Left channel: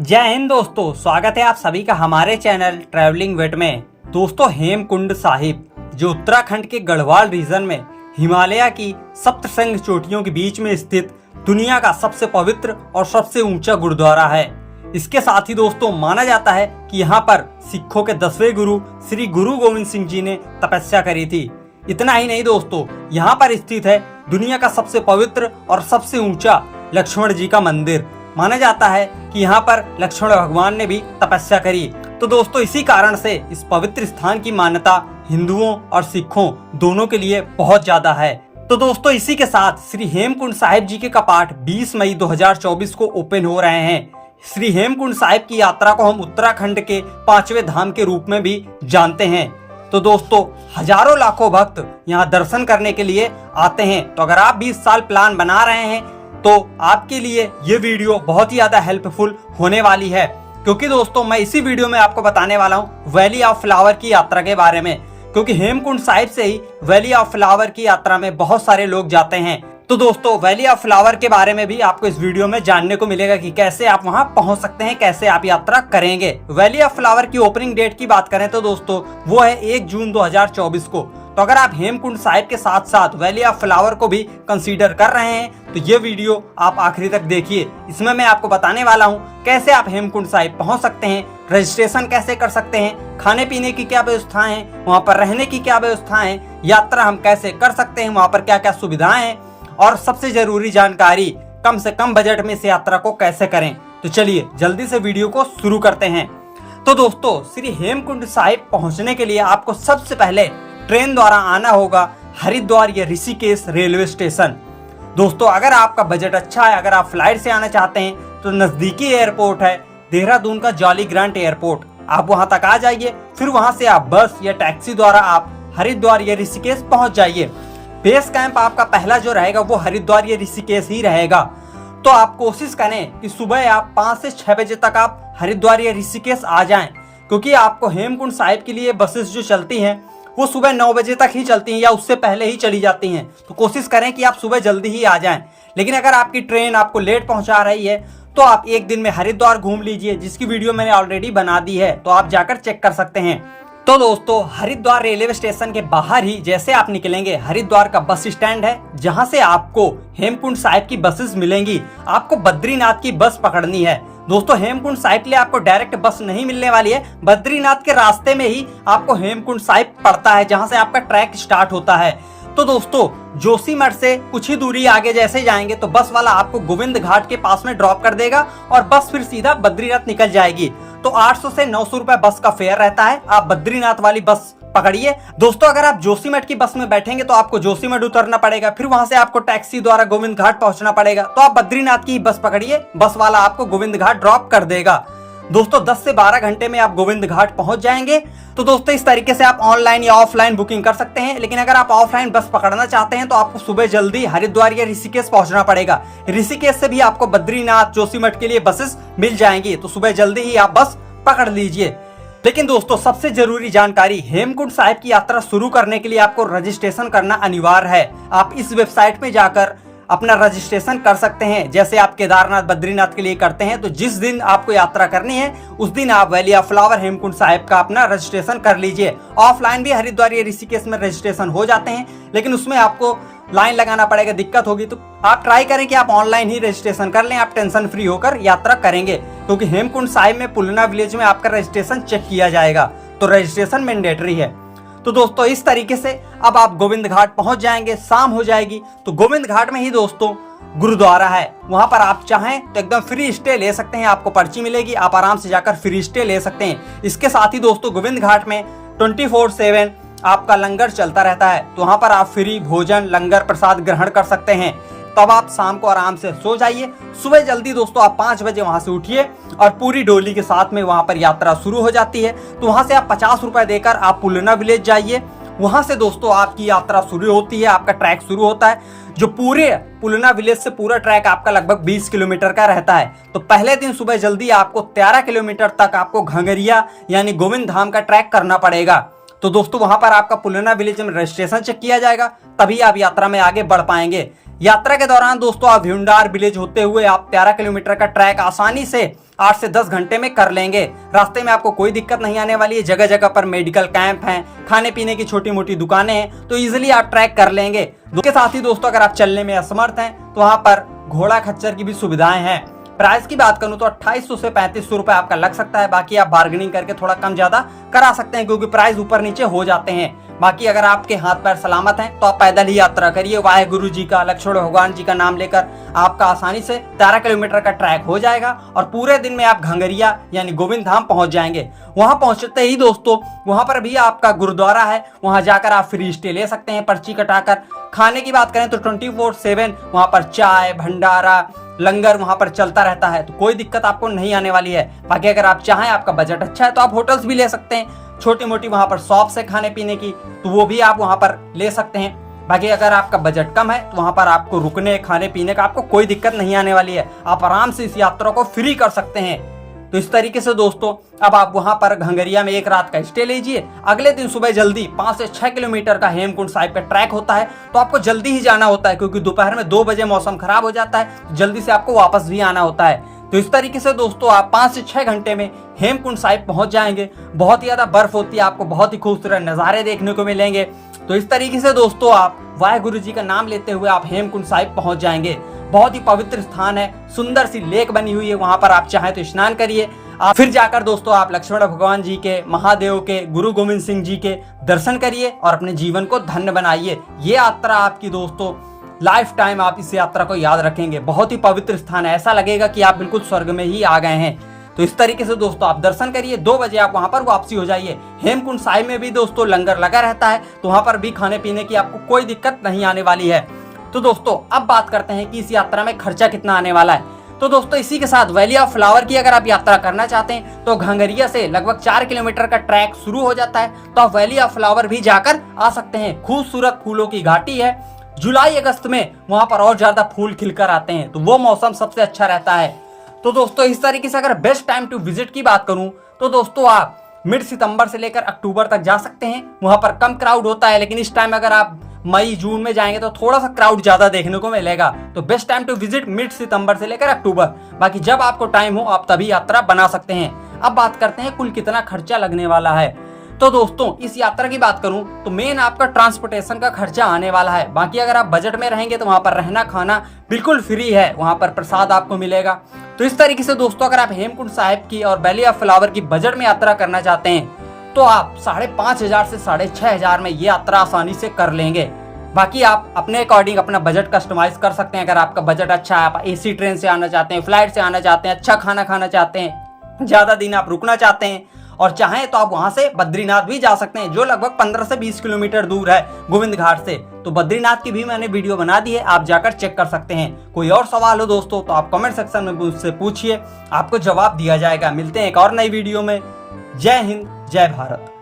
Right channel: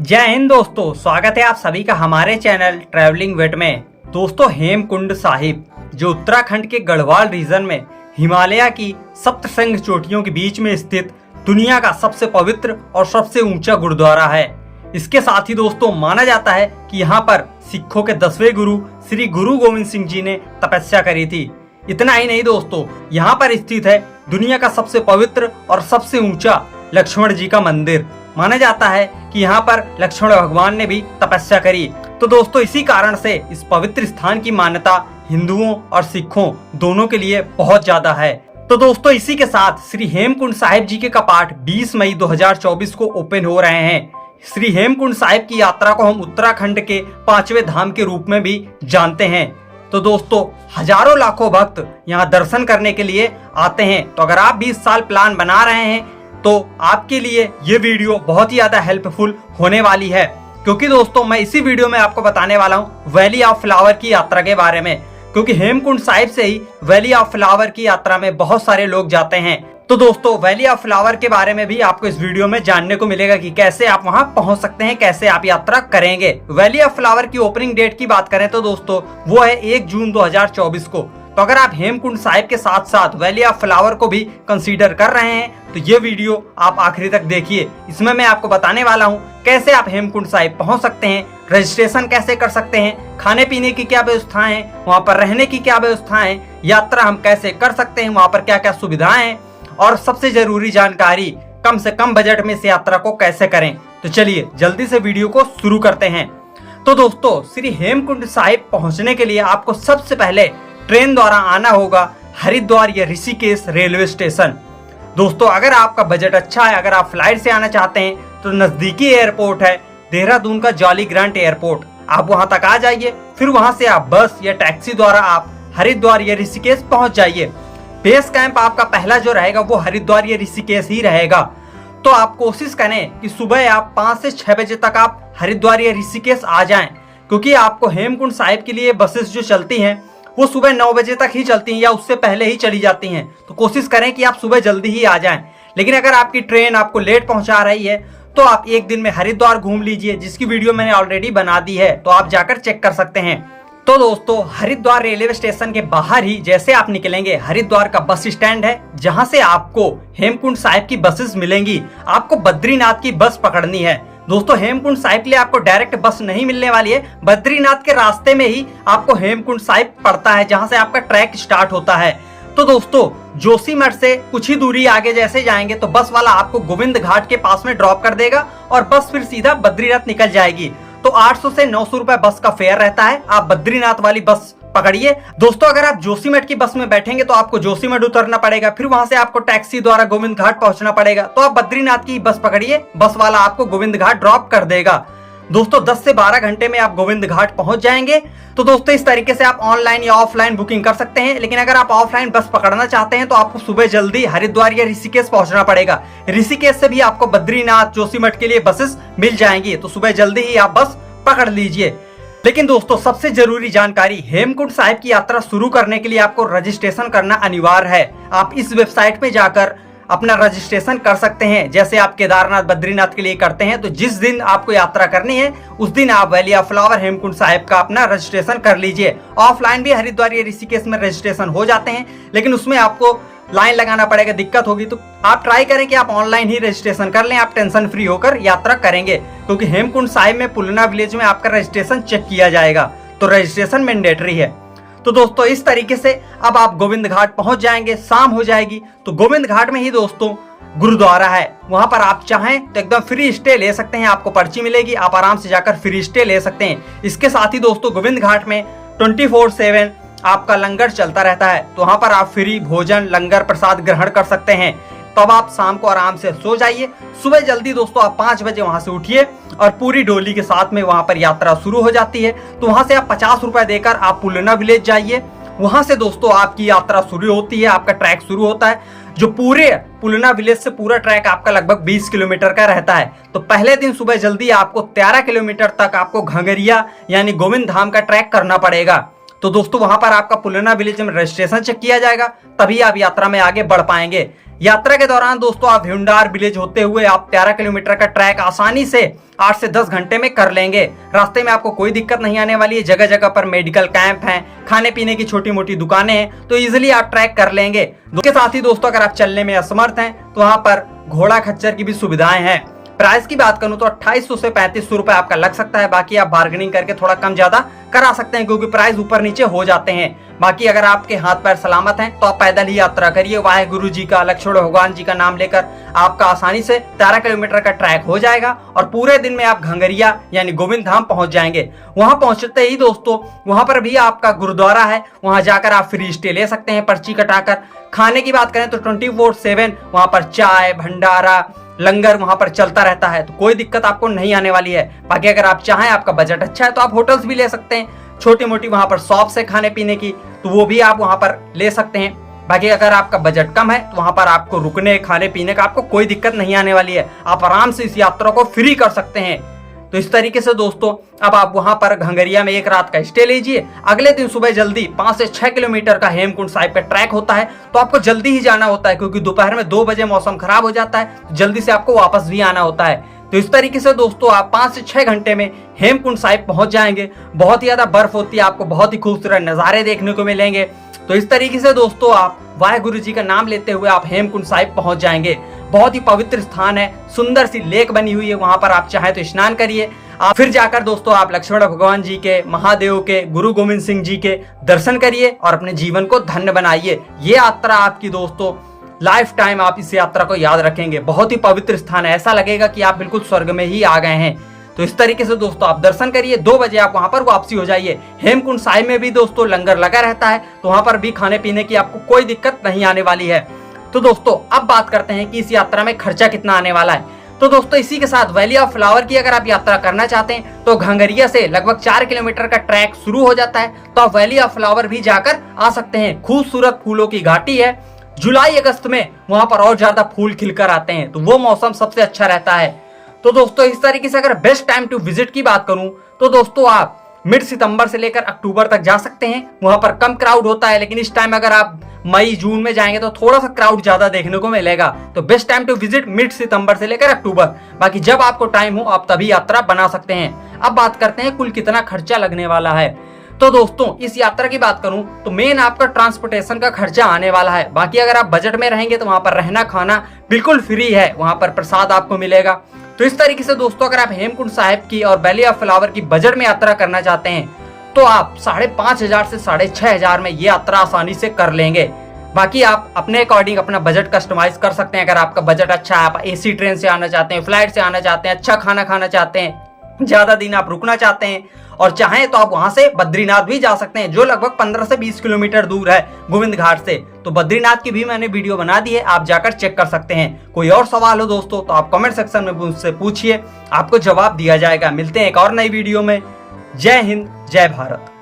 जय हिंद दोस्तों, स्वागत है आप सभी का हमारे चैनल ट्रैवलिंग विद में। दोस्तों, हेमकुंड साहिब जो उत्तराखंड के गढ़वाल रीजन में हिमालय की सप्तशृंग चोटियों के बीच में स्थित दुनिया का सबसे पवित्र और सबसे ऊंचा गुरुद्वारा है। इसके साथ ही दोस्तों माना जाता है कि यहाँ पर सिखों के 10वें गुरु श्री गुरु गोविंद सिंह जी ने तपस्या करी थी। इतना ही नहीं दोस्तों, यहाँ पर स्थित है दुनिया का सबसे पवित्र और सबसे ऊंचा लक्ष्मण जी का मंदिर। माना जाता है कि यहाँ पर लक्ष्मण भगवान ने भी तपस्या करी। तो दोस्तों, इसी कारण से इस पवित्र स्थान की मान्यता हिंदुओं और सिखों दोनों के लिए बहुत ज्यादा है। तो दोस्तों, इसी के साथ श्री हेमकुंड साहिब जी के कपाट 20 मई 2024 को ओपन हो रहे हैं। श्री हेमकुंड साहिब की यात्रा को हम उत्तराखंड के 5वें धाम के रूप में भी जानते हैं। तो दोस्तों, हजारों लाखों भक्त यहाँ दर्शन करने के लिए आते हैं। तो अगर आप भी इस साल प्लान बना रहे हैं तो आपके लिए ये वीडियो बहुत ही ज्यादा हेल्पफुल होने वाली है, क्योंकि दोस्तों मैं इसी वीडियो में आपको बताने वाला हूँ वैली ऑफ फ्लावर की यात्रा के बारे में। क्योंकि हेमकुंड साहिब से ही वैली ऑफ फ्लावर की यात्रा में बहुत सारे लोग जाते हैं। तो दोस्तों, वैली ऑफ फ्लावर के बारे में भी आपको इस वीडियो में जानने को मिलेगा कि कैसे आप वहां पहुंच सकते हैं, कैसे आप यात्रा करेंगे। वैली ऑफ फ्लावर की ओपनिंग डेट की बात करें तो दोस्तों वो है 1 जून 2024 को। तो अगर आप हेमकुंड साहिब के साथ साथ वैली ऑफ फ्लावर को भी कंसीडर कर रहे हैं तो ये वीडियो आप आखिरी तक देखिए। इसमें मैं आपको बताने वाला हूँ कैसे आप हेमकुंड साहिब पहुंच सकते हैं, रजिस्ट्रेशन कैसे कर सकते हैं, खाने पीने की क्या व्यवस्थाएं हैं, वहाँ पर रहने की क्या व्यवस्थाएं हैं, यात्रा हम कैसे कर सकते हैं, वहाँ पर क्या क्या सुविधाएं हैं, और सबसे जरूरी जानकारी कम से कम बजट में इस यात्रा को कैसे करें। तो चलिए जल्दी से वीडियो को शुरू करते हैं। तो दोस्तों, श्री हेमकुंड साहिब पहुंचने के लिए आपको सबसे पहले ट्रेन द्वारा आना होगा हरिद्वार या ऋषिकेश रेलवे स्टेशन। दोस्तों, अगर आपका बजट अच्छा है, अगर आप फ्लाइट से आना चाहते हैं तो नजदीकी एयरपोर्ट है देहरादून का जॉली ग्रांट एयरपोर्ट। आप वहां तक आ जाइए, फिर वहां से आप बस या टैक्सी द्वारा आप हरिद्वार या ऋषिकेश पहुंच जाइए। बेस कैंप आपका पहला जो रहेगा वो हरिद्वार या ऋषिकेश ही रहेगा। तो आप कोशिश करें कि सुबह आप 5 से 6 बजे तक आप हरिद्वार या ऋषिकेश आ जाएं, क्योंकि आपको हेमकुंड साहिब के लिए बसेस जो चलती हैं वो सुबह 9 बजे तक ही चलती हैं या उससे पहले ही चली जाती हैं। तो कोशिश करें कि आप सुबह जल्दी ही आ जाएं। लेकिन अगर आपकी ट्रेन आपको लेट पहुंचा रही है तो आप एक दिन में हरिद्वार घूम लीजिए, जिसकी वीडियो मैंने ऑलरेडी बना दी है, तो आप जाकर चेक कर सकते हैं। तो दोस्तों, हरिद्वार रेलवे स्टेशन के बाहर ही जैसे आप निकलेंगे, हरिद्वार का बस स्टैंड है जहां से आपको हेमकुंड साहिब की बसेस मिलेंगी। आपको बद्रीनाथ की बस पकड़नी है। दोस्तों, हेमकुंड साहिब के लिए आपको डायरेक्ट बस नहीं मिलने वाली है। बद्रीनाथ के रास्ते में ही आपको हेमकुंड साहिब पड़ता है, जहां से आपका ट्रैक स्टार्ट होता है। तो दोस्तों, जोशीमठ से कुछ ही दूरी आगे जैसे जाएंगे तो बस वाला आपको गोविंद घाट के पास में ड्रॉप कर देगा और बस फिर सीधा बद्रीनाथ निकल जाएगी। तो 800 से 900 रुपए बस का फेयर रहता है। आप बद्रीनाथ वाली बस पकड़िए। दोस्तों, अगर आप जोशीमठ की बस में बैठेंगे तो आपको जोशीमठ उतरना पड़ेगा, फिर वहां से आपको टैक्सी द्वारा गोविंद घाट पहुंचना पड़ेगा। तो आप बद्रीनाथ की बस पकड़िए, बस वाला आपको गोविंद घाट ड्रॉप कर देगा। दोस्तों, 10 से 12 घंटे में आप गोविंद घाट पहुंच जाएंगे। तो दोस्तों, इस तरीके से आप ऑनलाइन या ऑफलाइन बुकिंग कर सकते हैं। लेकिन अगर आप ऑफलाइन बस पकड़ना चाहते हैं तो आपको सुबह जल्दी हरिद्वार या ऋषिकेश पहुंचना पड़ेगा। ऋषिकेश से भी आपको बद्रीनाथ जोशीमठ के लिए बसेस मिल जाएंगी, तो सुबह जल्दी ही आप बस पकड़ लीजिए। लेकिन दोस्तों, सबसे जरूरी जानकारी, हेमकुंड साहिब की यात्रा शुरू करने के लिए आपको रजिस्ट्रेशन करना अनिवार्य है। आप इस वेबसाइट पे जाकर अपना रजिस्ट्रेशन कर सकते हैं, जैसे आप केदारनाथ बद्रीनाथ के लिए करते हैं। तो जिस दिन आपको यात्रा करनी है उस दिन आप valley of flower Hemkund Sahib का अपना रजिस्ट्रेशन कर लीजिए। ऑफलाइन भी हरिद्वार या ऋषिकेश में रजिस्ट्रेशन हो जाते हैं, लेकिन उसमें आपको लाइन लगाना पड़ेगा, दिक्कत होगी। तो आप ट्राई करें कि आप ऑनलाइन ही रजिस्ट्रेशन कर लें, आप टेंशन फ्री होकर यात्रा करेंगे। क्योंकि हेमकुंड साहिब में पुलना विलेज में आपका रजिस्ट्रेशन चेक किया जाएगा, तो रजिस्ट्रेशन मैंडेटरी है। तो दोस्तों, इस तरीके से अब आप गोविंद घाट पहुंच जाएंगे, शाम हो जाएगी। तो गोविंद घाट में ही दोस्तों गुरुद्वारा है, वहां पर आप चाहें तो एकदम फ्री स्टे ले सकते हैं। आपको पर्ची मिलेगी, आप आराम से जाकर फ्री स्टे ले सकते हैं। इसके साथ ही दोस्तों, गोविंद घाट में 24/7 आपका लंगर चलता रहता है। तो वहां पर आप फ्री भोजन लंगर प्रसाद ग्रहण कर सकते हैं। तब आप शाम को आराम से सो जाइए। सुबह जल्दी दोस्तों आप 5 बजे वहां से उठिए और पूरी डोली के साथ में वहां पर यात्रा शुरू हो जाती है। तो वहां से आप 50 रुपए देकर आप पुलना विलेज जाइए। वहां से दोस्तों आपकी यात्रा शुरू होती है, आपका ट्रैक शुरू होता है, जो पूरे पुलना विलेज से पूरा ट्रैक आपका लगभग 20 किलोमीटर का रहता है। तो पहले दिन सुबह जल्दी आपको 13 किलोमीटर तक आपको घंगरिया यानी गोविंद धाम का ट्रैक करना पड़ेगा। तो दोस्तों, वहां पर आपका पुलना विलेज में रजिस्ट्रेशन चेक किया जाएगा, तभी आप यात्रा में आगे बढ़ पाएंगे। यात्रा के दौरान दोस्तों आप भ्यूंडार विलेज होते हुए आप 13 किलोमीटर का ट्रैक आसानी से 8 से 10 घंटे में कर लेंगे। रास्ते में आपको कोई दिक्कत नहीं आने वाली है। जगह जगह पर मेडिकल कैंप हैं, खाने पीने की छोटी मोटी दुकानें हैं, तो इजिली आप ट्रैक कर लेंगे। इसके साथ ही दोस्तों अगर आप चलने में असमर्थ हैं तो वहां पर घोड़ा खच्चर की भी सुविधाएं हैं। प्राइस की बात करूं तो 2800 से 3500 रुपए आपका लग सकता है। बाकी आप बार्गेनिंग करके थोड़ा कम ज्यादा करा सकते हैं क्योंकि प्राइस ऊपर नीचे हो जाते हैं। बाकी अगर आपके हाथ पैर सलामत हैं तो आप पैदल ही यात्रा करिए। वाहेगुरु जी का, लक्ष्मण भगवान जी का नाम लेकर आपका आसानी से 13 किलोमीटर का ट्रैक हो जाएगा और पूरे दिन में आप घंगरिया यानी गोविंद धाम पहुंच जाएंगे। वहां पहुंचते ही दोस्तों वहां पर भी आपका गुरुद्वारा है, वहां जाकर आप फ्री स्टे ले सकते हैं पर्ची कटाकर। खाने की बात करें तो 24/7 वहां पर चाय, भंडारा, लंगर वहां पर चलता रहता है, तो कोई दिक्कत आपको नहीं आने वाली है। बाकी अगर आप चाहें, आपका बजट अच्छा है तो आप होटल्स भी ले सकते हैं। छोटी मोटी वहां पर शॉप से खाने पीने की, तो वो भी आप वहां पर ले सकते हैं। बाकी अगर आपका बजट कम है तो वहां पर आपको रुकने खाने पीने का आपको कोई दिक्कत नहीं आने वाली है। आप आराम से इस यात्रा को फ्री कर सकते हैं। तो इस तरीके से दोस्तों अब आप वहां पर घंगरिया में एक रात का स्टे लीजिए। अगले दिन सुबह जल्दी 5 से 6 किलोमीटर का हेमकुंड साहिब का ट्रैक होता है, तो आपको जल्दी ही जाना होता है क्योंकि दोपहर में 2 बजे मौसम खराब हो जाता है, जल्दी से आपको वापस भी आना होता है। तो इस तरीके से दोस्तों आप 5 से 6 घंटे में हेमकुंड साहिब पहुंच जाएंगे। बहुत ही ज्यादा बर्फ होती है, आपको बहुत ही खूबसूरत नजारे देखने को मिलेंगे। तो इस तरीके से दोस्तों आप वाहेगुरु जी का नाम लेते हुए आप हेमकुंड साहिब पहुंच जाएंगे। बहुत ही पवित्र स्थान है, सुंदर सी लेक बनी हुई है, वहां पर आप चाहें तो स्नान करिए। आप फिर जाकर दोस्तों आप लक्ष्मण भगवान जी के, महादेव के, गुरु गोविंद सिंह जी के दर्शन करिए और अपने जीवन को धन्य बनाइए। ये यात्रा आपकी दोस्तों लाइफ टाइम आप इस यात्रा को याद रखेंगे। बहुत ही पवित्र स्थान है, ऐसा लगेगा कि आप बिल्कुल स्वर्ग में ही आ गए हैं। तो इस तरीके से दोस्तों आप दर्शन करिए, 2 बजे आप वहां पर वापसी हो जाइए। हेमकुंड साहिब में भी दोस्तों लंगर लगा रहता है, तो वहां पर भी खाने पीने की आपको कोई दिक्कत नहीं आने वाली है। तो दोस्तों अब बात करते हैं कि इस यात्रा में खर्चा कितना आने वाला है। तो दोस्तों इसी के साथ वैली ऑफ फ्लावर की अगर आप यात्रा करना चाहते हैं तो घंगरिया से लगभग 4 किलोमीटर का ट्रैक शुरू हो जाता है, तो आप वैली ऑफ फ्लावर भी जाकर आ सकते हैं। खूबसूरत फूलों की घाटी है। जुलाई अगस्त में वहां पर और ज्यादा फूल खिलकर आते हैं, तो वो मौसम सबसे अच्छा रहता है। तो दोस्तों इस तरीके से अगर बेस्ट टाइम टू विजिट की बात करूं तो दोस्तों आप मिड सितंबर से लेकर अक्टूबर तक जा सकते हैं। वहां पर कम क्राउड होता है, लेकिन इस टाइम अगर आप मई जून में जाएंगे तो थोड़ा सा क्राउड ज्यादा देखने को मिलेगा। तो best time to visit mid सितंबर से लेकर अक्टूबर। बाकी जब आपको टाइम हो आप तभी यात्रा बना सकते हैं। अब बात करते हैं कुल कितना खर्चा लगने वाला है। तो दोस्तों इस यात्रा की बात करूं तो मेन आपका ट्रांसपोर्टेशन का खर्चा आने वाला है। बाकी अगर आप बजट में रहेंगे तो वहां पर रहना खाना बिल्कुल फ्री है, वहां पर प्रसाद आपको मिलेगा। तो इस तरीके से दोस्तों अगर आप हेमकुंड साहिब की और वैली ऑफ फ्लावर की बजट में यात्रा करना चाहते हैं तो आप 5,500 से 6,500 में ये यात्रा आसानी से कर लेंगे। बाकी आप अपने अकॉर्डिंग अपना बजट कस्टमाइज कर सकते हैं। अगर आपका बजट अच्छा है, आप एसी ट्रेन से आना चाहते हैं, फ्लाइट से आना चाहते हैं, अच्छा खाना खाना चाहते हैं, ज्यादा दिन आप रुकना चाहते हैं और चाहें तो आप वहां से बद्रीनाथ भी जा सकते हैं जो लगभग 15 से 20 किलोमीटर दूर है गोविंद घाट से। तो बद्रीनाथ की भी मैंने वीडियो बना दी है, आप जाकर चेक कर सकते हैं। कोई और सवाल हो दोस्तों तो आप कमेंट सेक्शन में मुझसे पूछिए, आपको जवाब दिया जाएगा। मिलते हैं एक और नई वीडियो में। जय हिंद, जय भारत।